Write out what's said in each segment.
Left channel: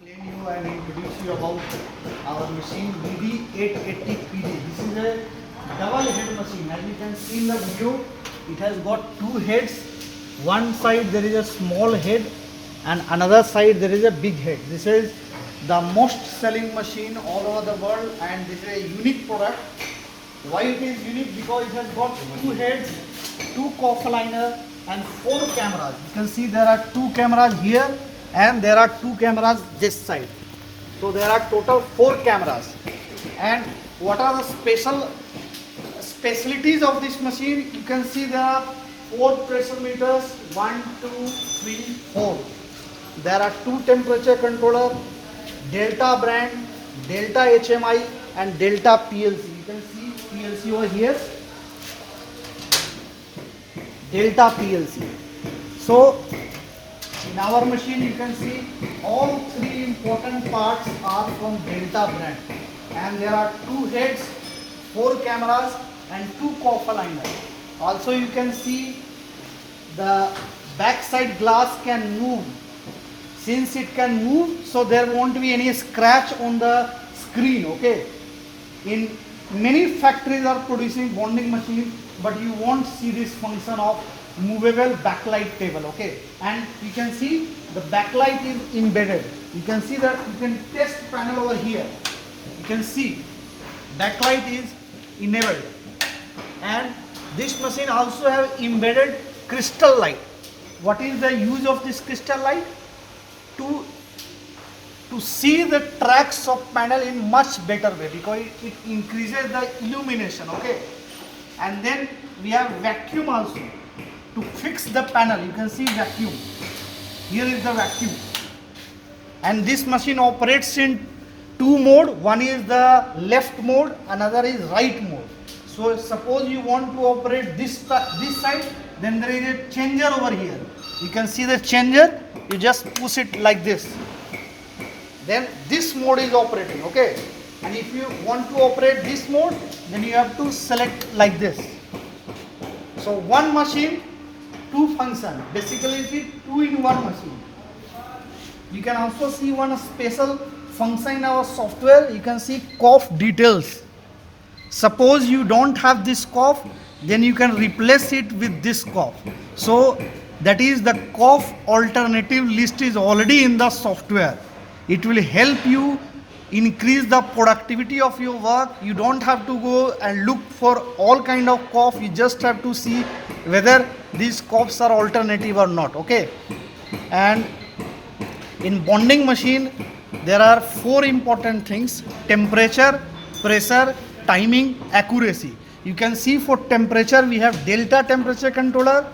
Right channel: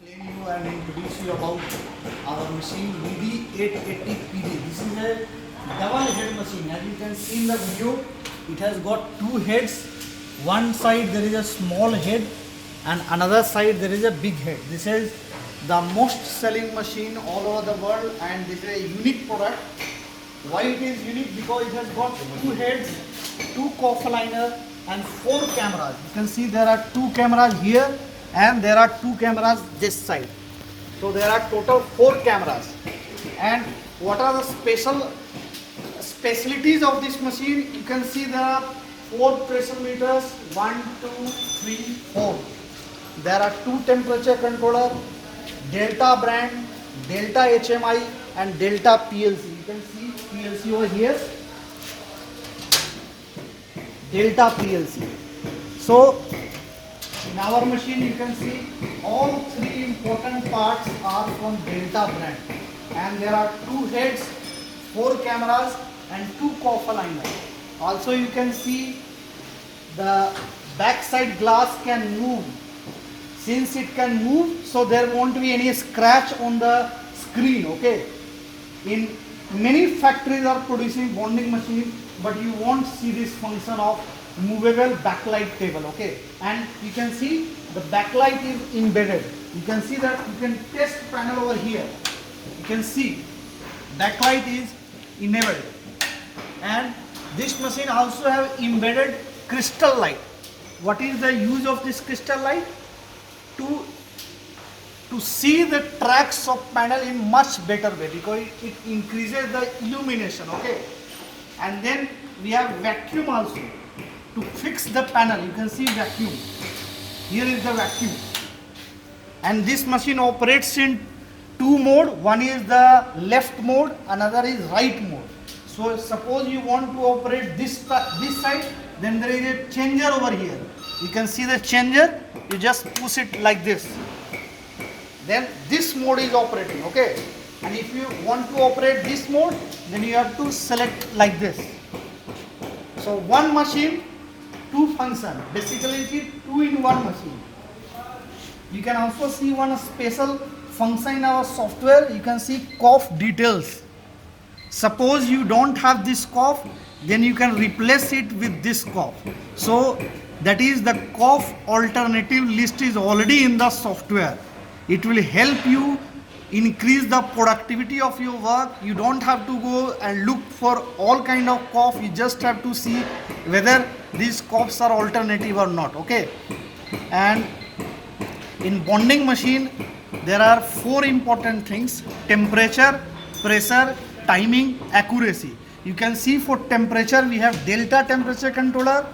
explain you and introduce you about our machine VD880PD. This is a double head machine. As you can see in the video, it has got two heads. One side there is a small head and another side there is a big head. This is the most selling machine all over the world and this is a unique product. Why it is unique? Because it has got two heads, two coffer liner and four cameras. You can see there are two cameras here and there are two cameras this side. So there are total four cameras. And what are the specialties of this machine? You can see there are four pressure meters, 1, 2, 3, 4. There are two temperature controller, Delta brand, Delta HMI and Delta PLC. You can see PLC over here, Delta PLC. So in our machine you can see all three important parts are from Delta brand. And there are two heads, four cameras and two coffer liners. Also you can see the backside glass can move. Since it can move, so there won't be any scratch on the screen, okay? In many factories are producing bonding machines, but you won't see this function of movable backlight table, okay? And you can see the backlight is embedded. You can see that you can test panel over here. You can see backlight is enabled. And this machine also have embedded crystal light. What is the use of this crystal light? To see the tracks of panel in much better way, because it increases the illumination, okay? And then we have vacuum also to fix the panel. You can see vacuum. Here is the vacuum. And this machine operates in two mode. One is the left mode, another is right mode. So suppose you want to operate this side, then there is a changer over here. You can see the changer, you just push it like this. Then this mode is operating, okay? And if you want to operate this mode, then you have to select like this. So one machine, two function. Basically it is 2-in-1 machine. You can also see one special function in our software. You can see cough details. Suppose you don't have this cough, then you can replace it with this cough. So that is the cough alternative list is already in the software. It will help you increase the productivity of your work. You don't have to go and look for all kind of cough. You just have to see whether these coughs are alternative or not, okay? And in bonding machine, there are four important things: temperature, pressure, timing, accuracy. You can see for temperature we have Delta temperature controller.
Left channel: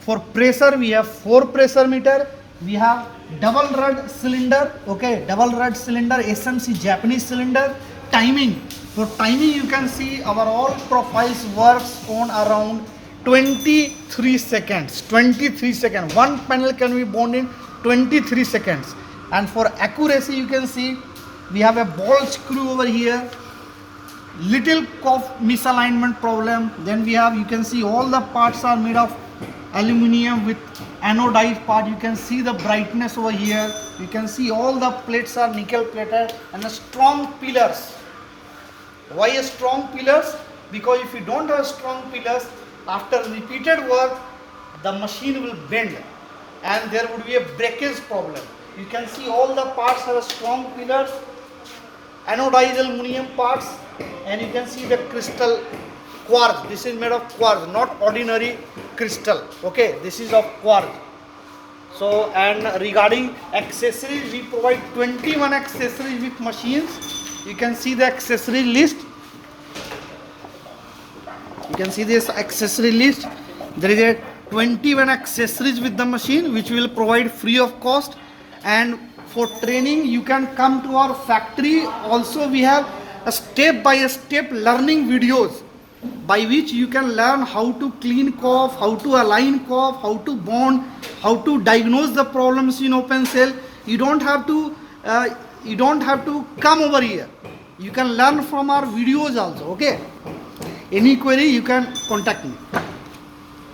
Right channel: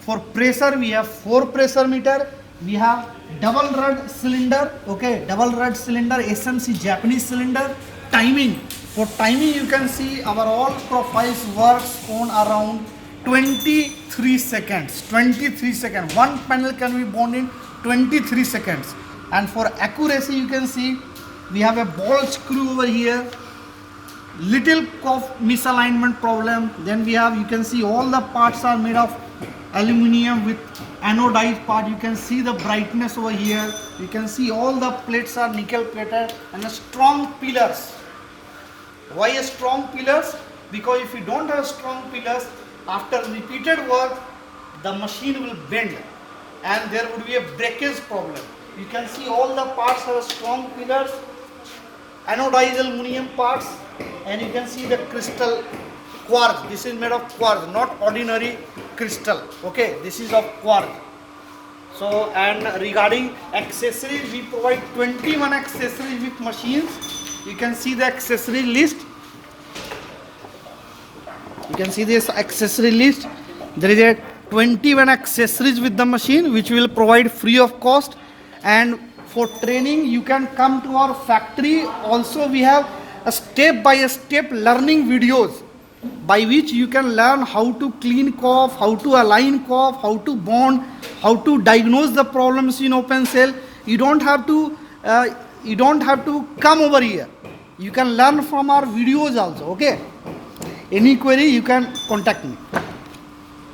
For pressure we have 4 pressure meter. We have double rod cylinder, okay, double rod cylinder, SMC Japanese cylinder. Timing, for timing you can see our all profiles works on around 23 seconds. 23 seconds. One panel can be bonded in 23 seconds. And for accuracy you can see we have a ball screw over here. Little cough misalignment problem. Then we have, you can see all the parts are made of aluminum with anodized part. You can see the brightness over here. You can see all the plates are nickel plated and the strong pillars. Why a strong pillars? Because if you don't have strong pillars, after repeated work, the machine will bend and there would be a breakage problem. You can see all the parts have strong pillars, anodized aluminum parts, and you can see the crystal quartz. This is made of quartz, not ordinary crystal, okay? This is of quartz. So, and regarding accessories, we provide 21 accessories with machines. You can see the accessory list. You can see this accessory list. There is a 21 accessories with the machine which will provide free of cost. And for training you can come to our factory. Also we have a step-by-step learning videos by which you can learn how to clean cough, how to align cough, how to bond, how to diagnose the problems in open cell. You don't have to come over here. You can learn from our videos also, okay? Any query you can contact me.